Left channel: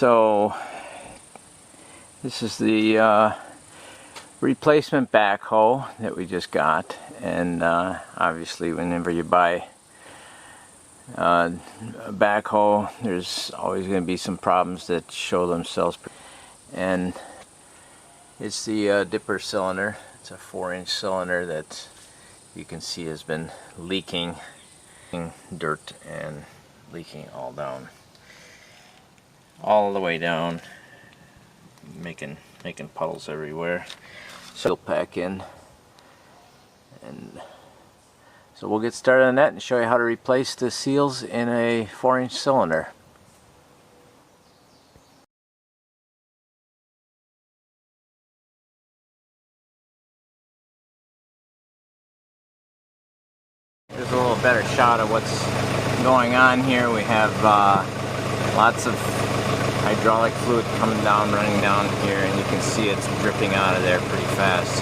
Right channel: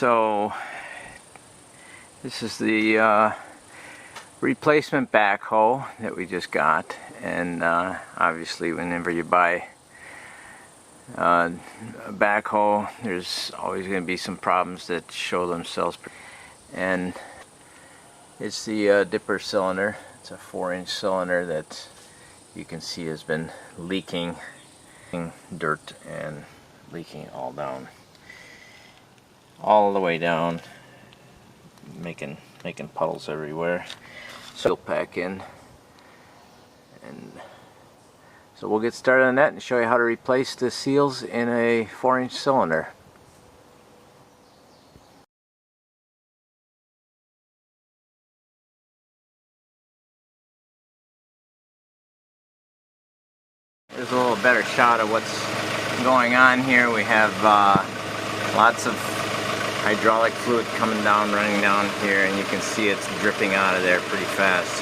So this is the replacement backhoe that we just got, and obviously whenever you buy a backhoe, there's always going to be some problems that show themselves. And it's the dipper cylinder. It's a 4-inch cylinder that you can see has been leaking dirt and leaking all the way down, making puddles everywhere. So pack in, and so we'll get started on that and show you how to replace the seals in a 4-inch cylinder. Here's a little better shot of what's going on here. We have lots of hydraulic fluid coming down, running down here, and you can see it's dripping out of there pretty fast.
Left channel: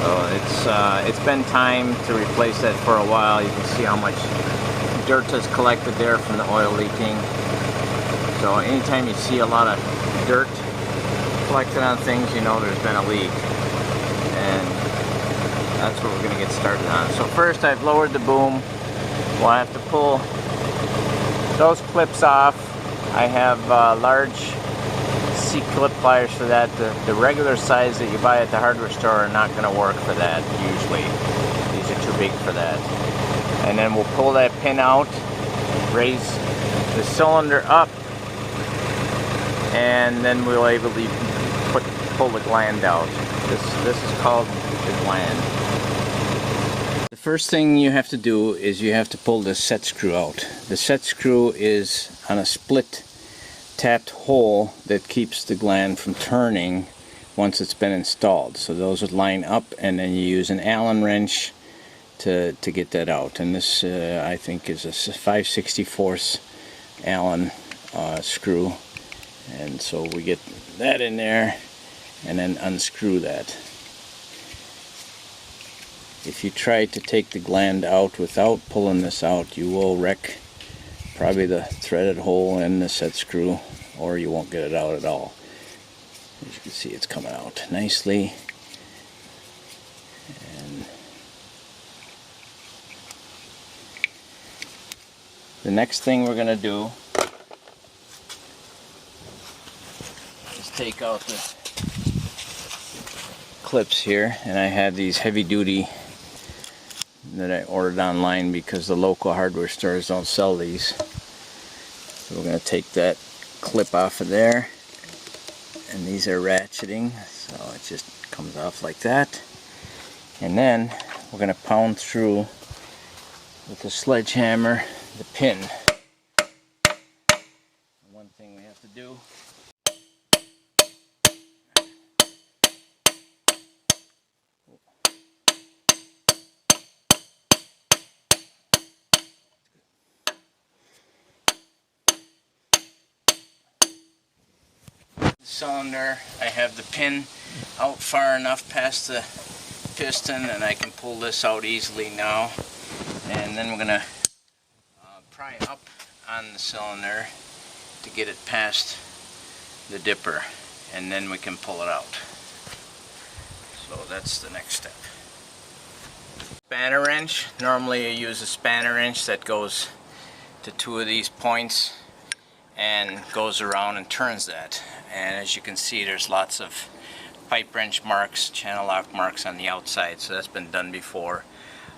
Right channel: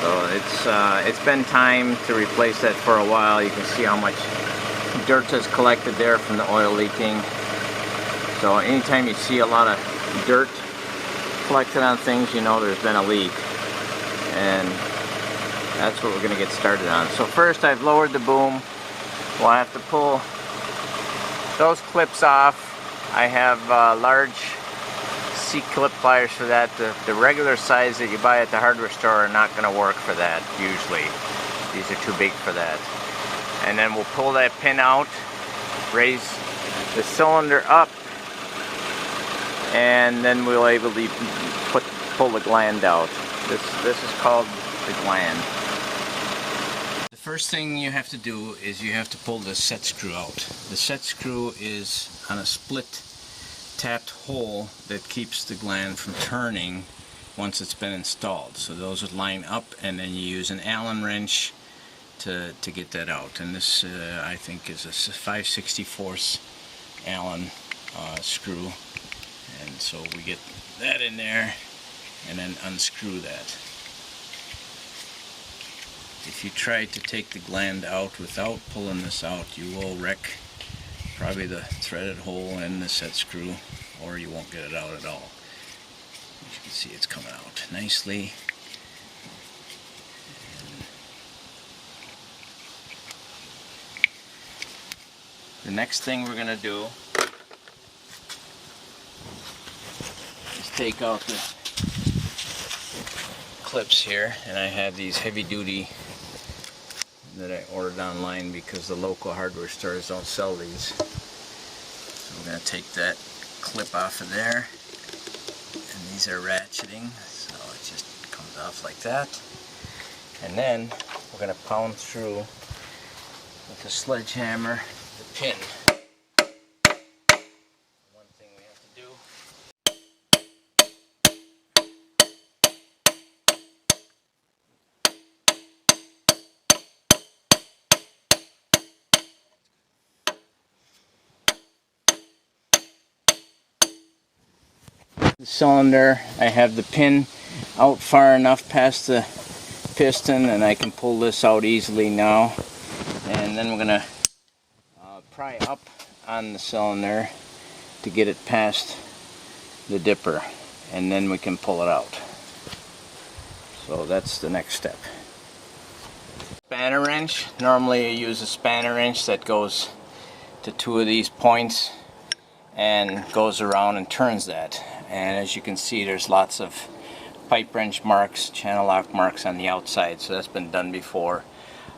So it's been time to replace that for a while. You can see how much dirt has collected there from the oil leaking. So anytime you see a lot of dirt collected on things, you know there's been a leak, and that's what we're going to get started on. So first, I've lowered the boom. We'll have to pull those clips off. I have large C-clip pliers for that. The regular size that you buy at the hardware store are not going to work for that usually. These are too big for that. And then we'll pull that pin out, raise the cylinder up, and then we'll able to pull the gland out. This is called the gland. The first thing you have to do is you have to pull the set screw out. The set screw is on a split tapped hole that keeps the gland from turning once it's been installed. So those would line up, and then you use an Allen wrench to get that out. And this I think is a 5/64 Allen screw. And so we get that in there and then unscrew that. If you try to take the gland out without pulling this out, you will wreck probably the threaded hole in the set screw, or you won't get it out at all. As you can see, it's coming out nicely. And the next thing we're going to do is take out the clips here, and I have these heavy duty that I ordered online because the local hardware stores don't sell these. So we're going to take that clip off of there, and these are ratcheting, so it just comes off like that. And then we're going to pound through with the sledgehammer the pin. One thing we have to do the cylinder, I have the pin out far enough past the piston, and I can pull this out easily now. And then we're going to pry up on the cylinder to get it past the dipper, and then we can pull it out. So that's the next step. Spanner wrench. Normally I use a spanner wrench that goes to two of these points and goes around and turns that. And as you can see, there's lots of pipe wrench marks, channel lock marks on the outside, so that's been done before.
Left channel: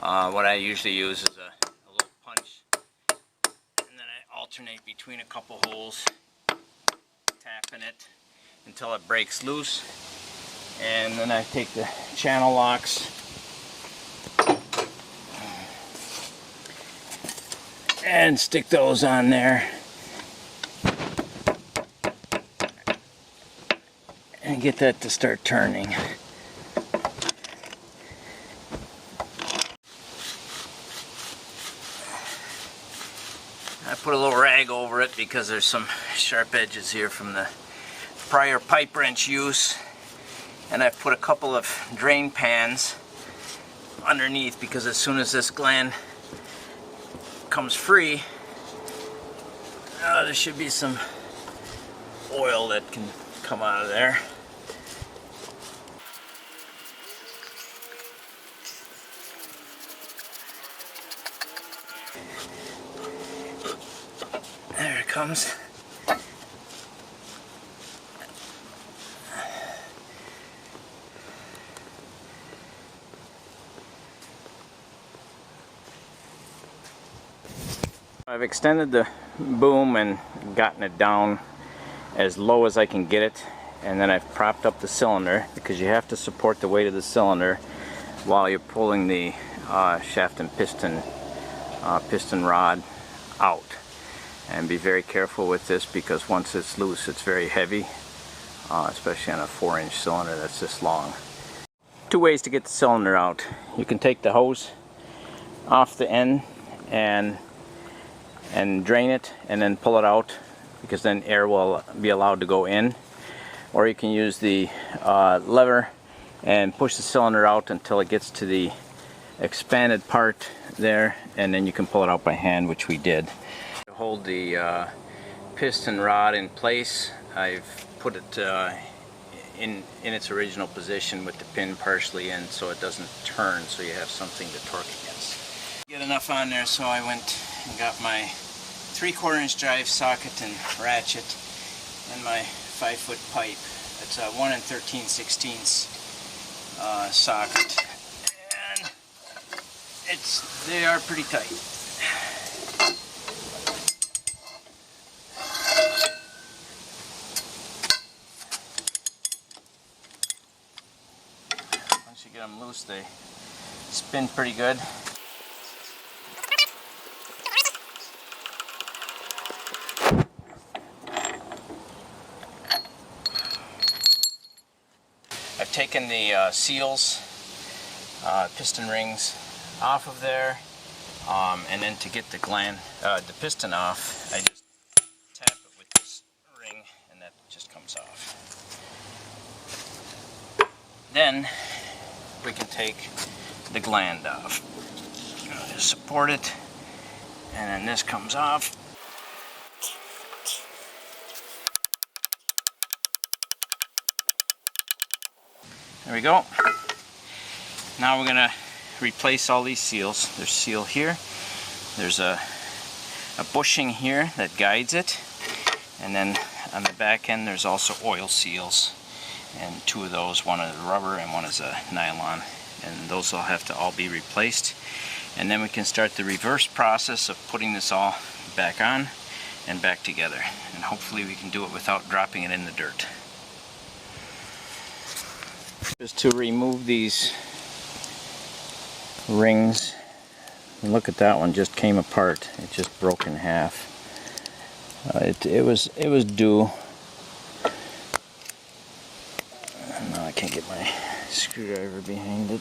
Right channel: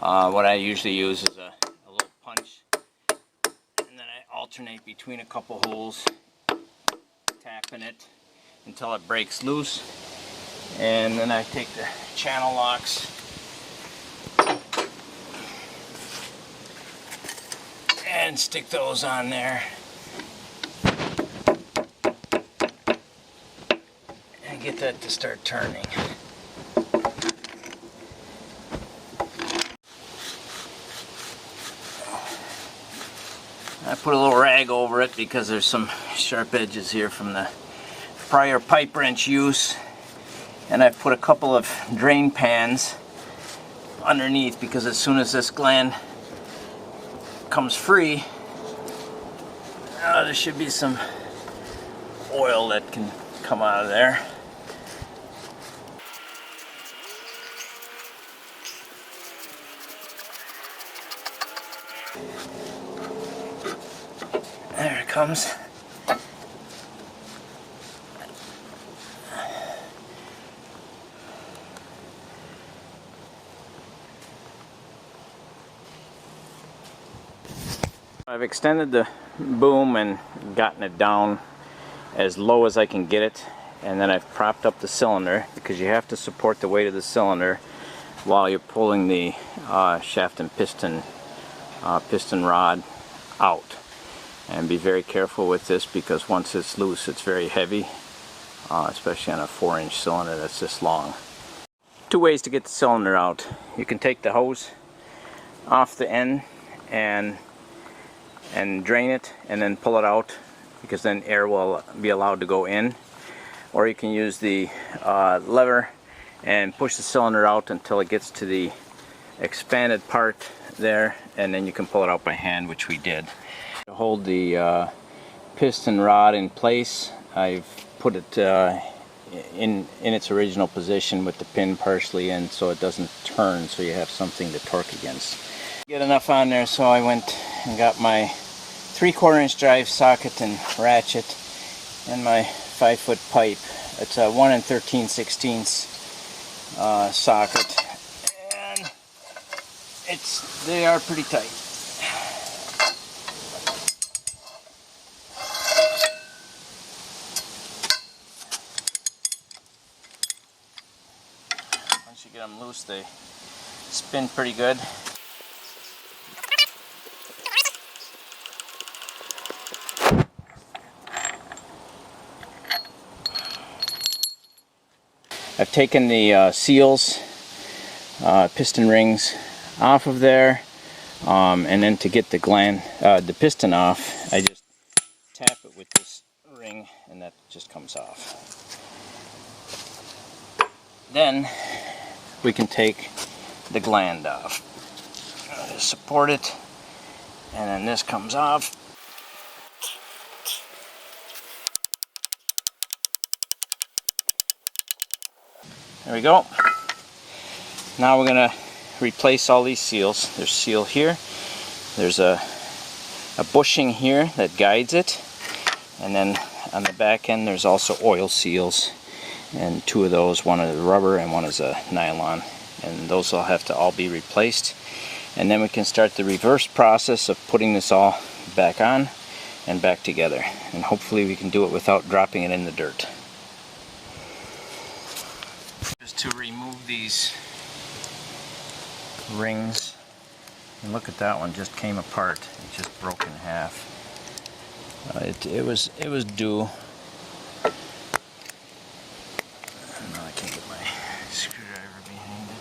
What I usually use is a little punch, and then I alternate between a couple holes, tapping it until it breaks loose. And then I take the channel locks and stick those on there, and get that to start turning. I put a little rag over it because there's some sharp edges here from the prior pipe wrench use, and I put a couple of drain pans underneath because as soon as this gland comes free, there should be some oil that can come out of there. There it comes. I've extended the boom and gotten it down as low as I can get it, and then I've propped up the cylinder, because you have to support the weight of the cylinder while you're pulling the shaft and piston rod out. And be very careful with this, because once it's loose it's very heavy, especially on a 4-inch cylinder that's this long. Two ways to get the cylinder out. You can take the hose off the end and drain it and then pull it out, because then air will be allowed to go in. Or you can use the lever and push the cylinder out until it gets to the expanded part there, and then you can pull it out by hand, which we did. To hold the piston rod in place, I've put it in its original position with the pin partially in, so it doesn't turn, so you have something to torque against. Get enough on there, so I went and got my 3/4 inch drive socket and ratchet and my 5-foot pipe. It's a 1 13/16 socket, and they are pretty tight. Once you get them loose, they spin pretty good. I've taken the seals, piston rings off of there, and then to get the gland, the piston off, I just tap it with this ring and that just comes off. Then we can take the gland off. Just support it, and then this comes off. There we go. Now we're going to replace all these seals. There's a seal here. There's a bushing here that guides it. And then on the back end there's also oil seals. And two of those, one is rubber and one is a nylon. And those will have to all be replaced. And then we can start the reverse process of putting this all back on and back together. And hopefully we can do it without dropping it in the dirt. Just to remove these rings, and look at that one, just came apart. It just broke in half. It was due. Now I can't get my screwdriver behind it.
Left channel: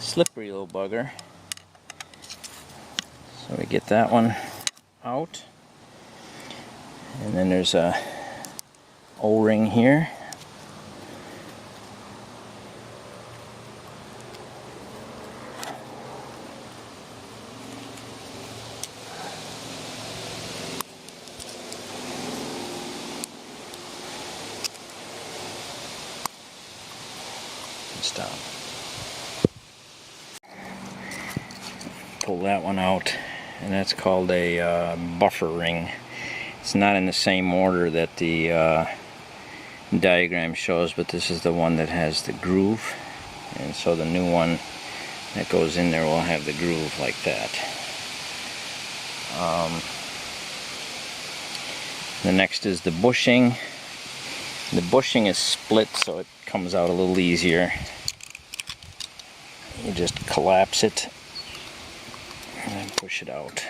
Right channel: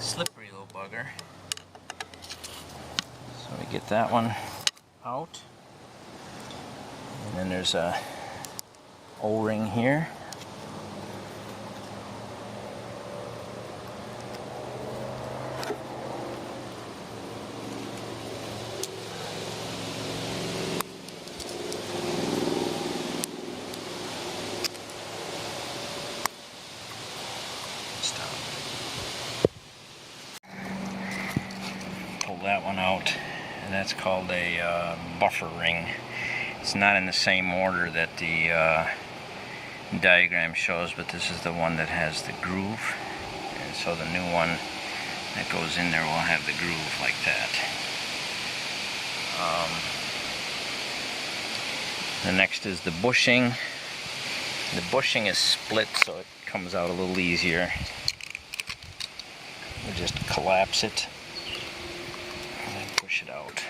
Slippery little bugger. So we get that one out, and then there's a O-ring here. Stop. Pull that one out, and that's called a buffer ring. It's not in the same order that the diagram shows, but this is the one that has the groove, and so the new one that goes in there will have the groove like that. The next is the bushing. The bushing is split, so it comes out a little easier. You just collapse it and push it out.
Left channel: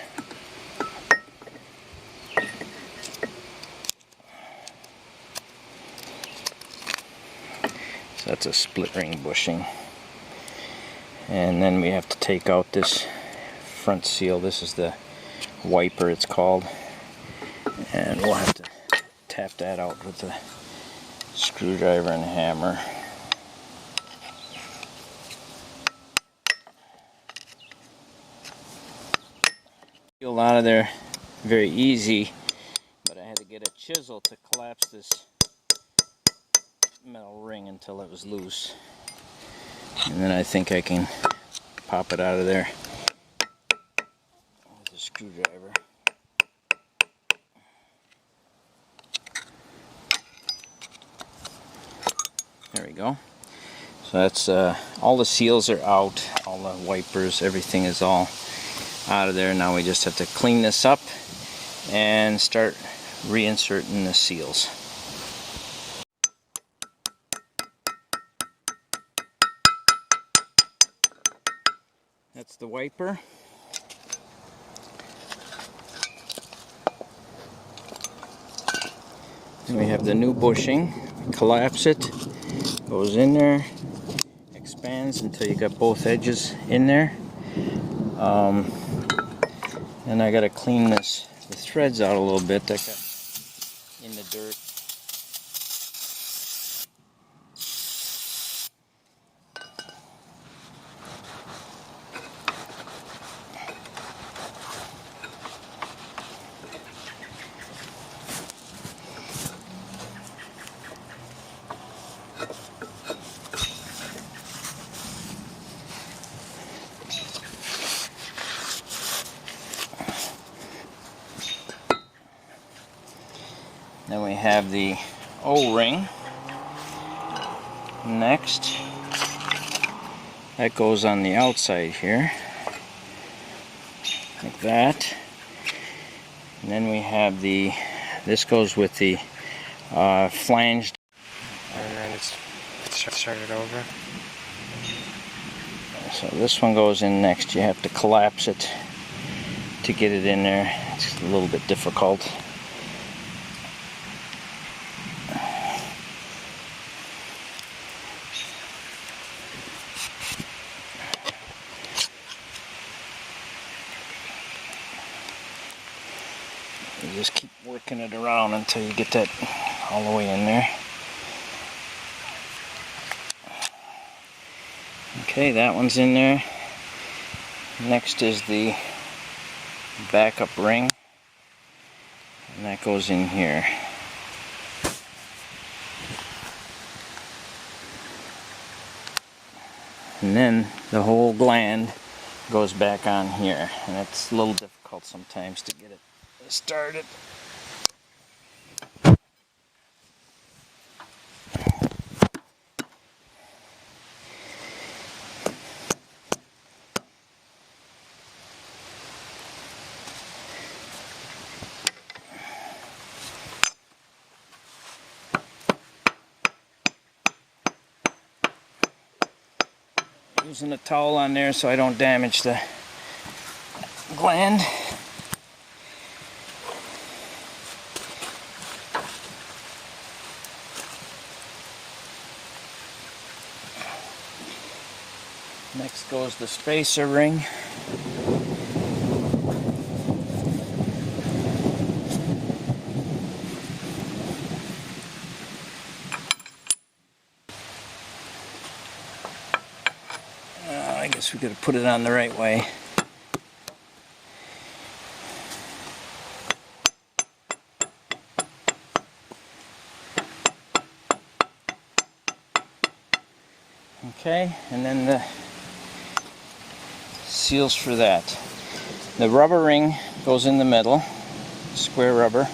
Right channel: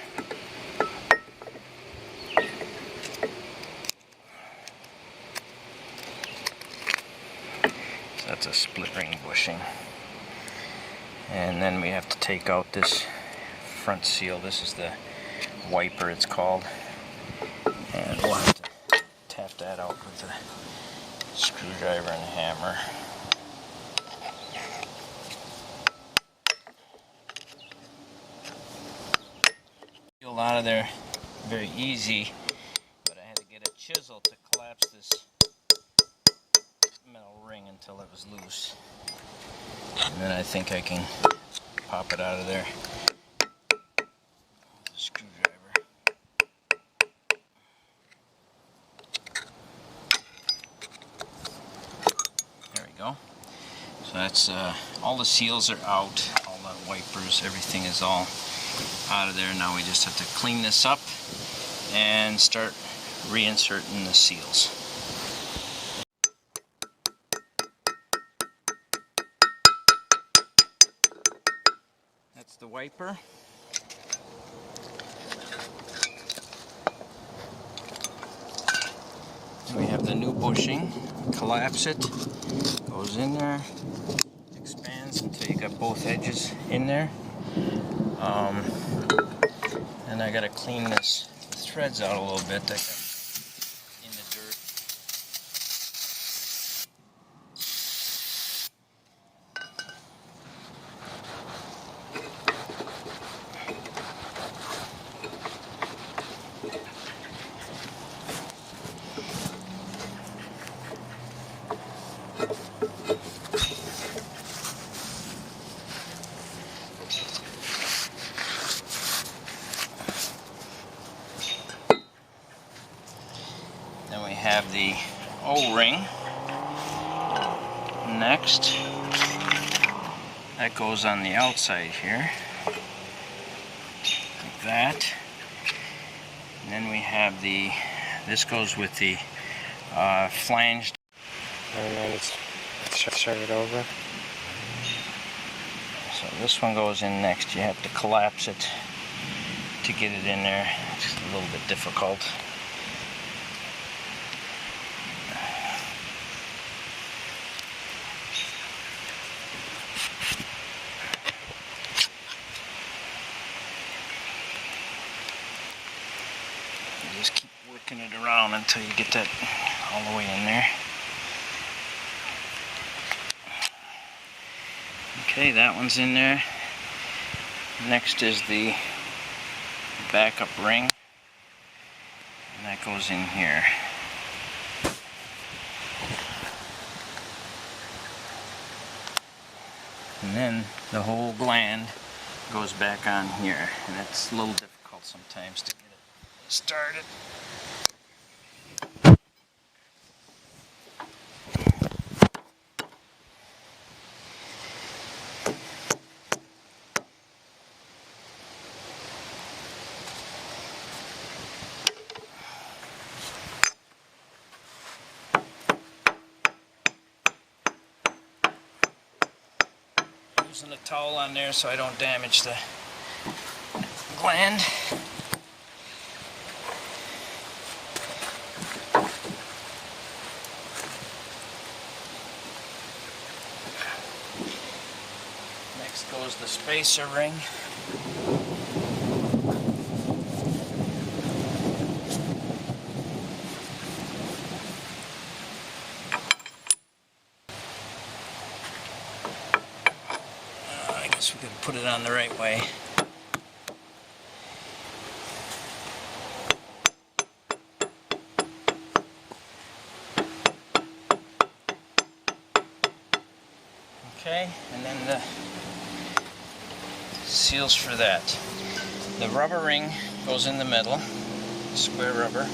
So that's a split ring bushing. And then we have to take out this front seal. This is the wiper, it's called. And we'll have to tap that out with the screwdriver and hammer. Peel out of there very easy, but I had to get a chisel to collapse this metal ring until it was loose. And then I think I can pop it out of there with a screwdriver. There we go. So that's all the seals are out, all the wipers, everything is all out of there. Now we just have to clean this up and start reinserting the seals. That's the wiper. And we have the new bushing. Collapse it, goes in there, expands until you got both edges in there. And I gotta clean the threads out a little bit that got in the dirt. Then we have the O-ring next. That goes on the outside here, like that. And then we have this goes with the flanged. And then it's started over. So this one goes in next. You have to collapse it to get it in there. It's a little bit difficult. You just keep working it around until you get that all the way in there. Okay, that one's in there. Next is the backup ring, and that goes in here. And then the whole gland goes back on here, and it's a little difficult sometimes to get it started. Using a towel on there so I don't damage the gland. Next goes the spacer ring. I guess we could put it on the right way. Okay, and then the seals for that. The rubber ring goes in the middle, square rubber.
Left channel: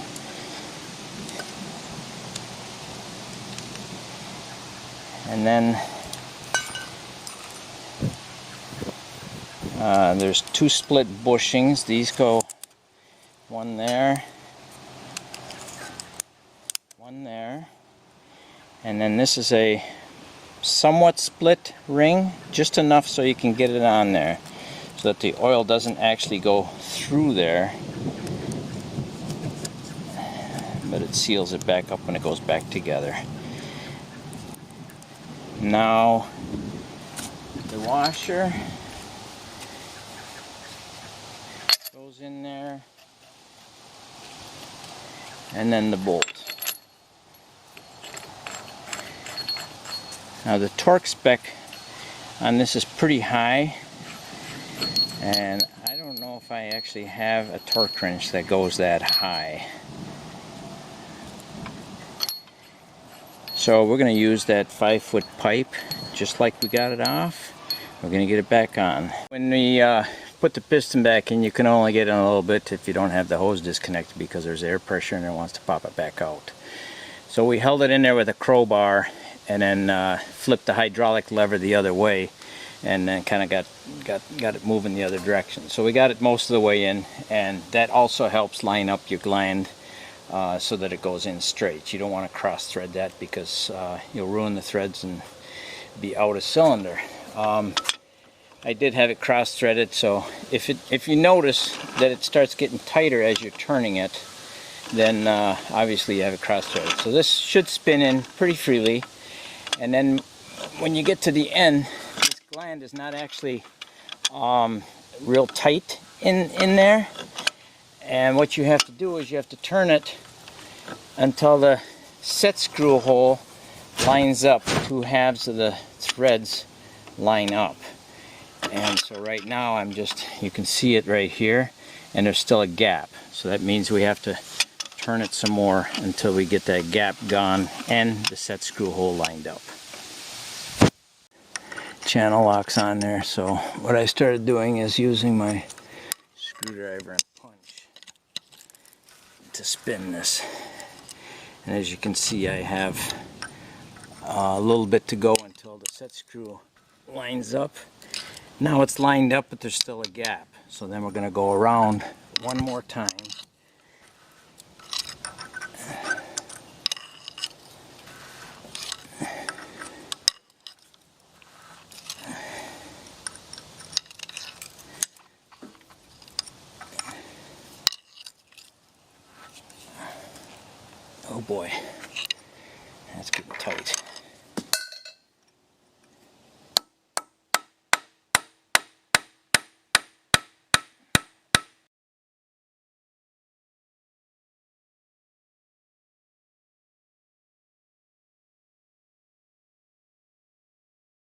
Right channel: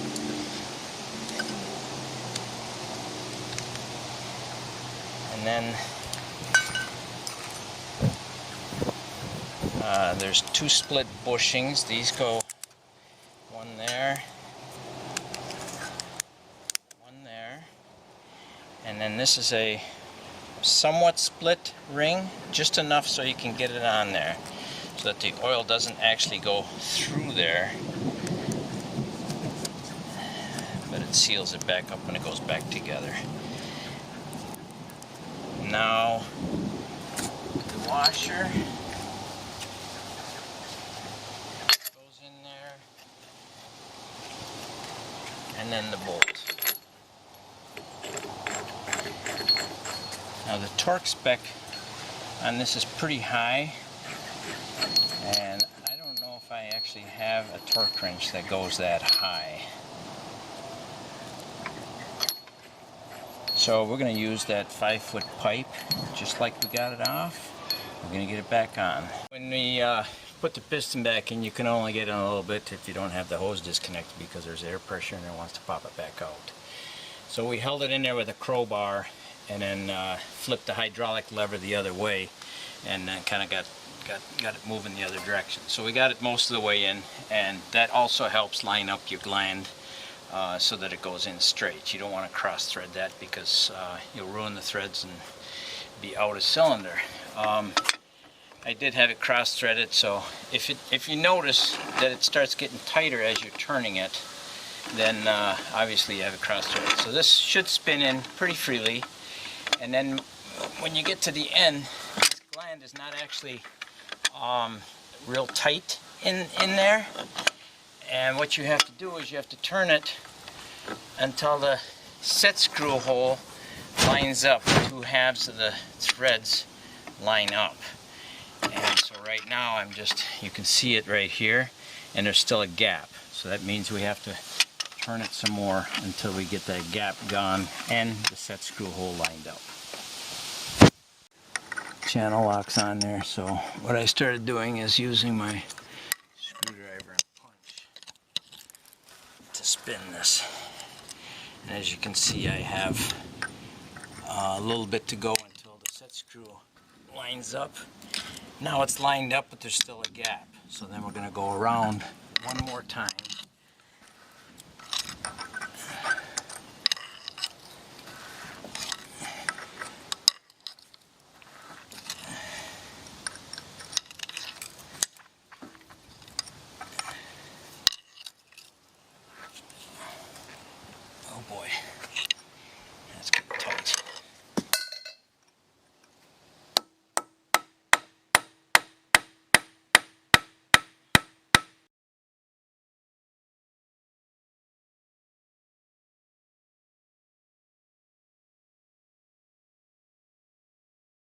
And then there's two split bushings. These go one there, one there, and then this is a somewhat split ring, just enough so you can get it on there so that the oil doesn't actually go through there, but it seals it back up when it goes back together. Now the washer goes in there, and then the bolt. Now the torque spec on this is pretty high, and I don't know if I actually have a torque wrench that goes that high. So we're going to use that 5-foot pipe just like we got it off. We're going to get it back on. When we put the piston back in, you can only get in a little bit if you don't have the hose disconnected, because there's air pressure and it wants to pop it back out. So we held it in there with a crowbar and then flipped the hydraulic lever the other way, and then kind of got it moving the other direction. So we got it most of the way in, and that also helps line up your gland so that it goes in straight. You don't want to cross thread that, because you'll ruin the threads and be out of cylinder. I did have it cross threaded, so if you notice that it starts getting tighter as you're turning it, then obviously you have it cross threaded. So this should spin in pretty freely, and then when you get to the end, this gland is not actually real tight in there, and what you have to do is you have to turn it until the set screw hole lines up. The two halves of the threads line up. And so right now you can see it right here, and there's still a gap. So that means we have to turn it some more until we get that gap gone and the set screw hole lined up. Channel lock's on there, so what I started doing is using my screwdriver and punch to spin this. And as you can see, I have a little bit to go until the set screw lines up. Now it's lined up, but there's still a gap. So then we're going to go around one more time. Oh boy.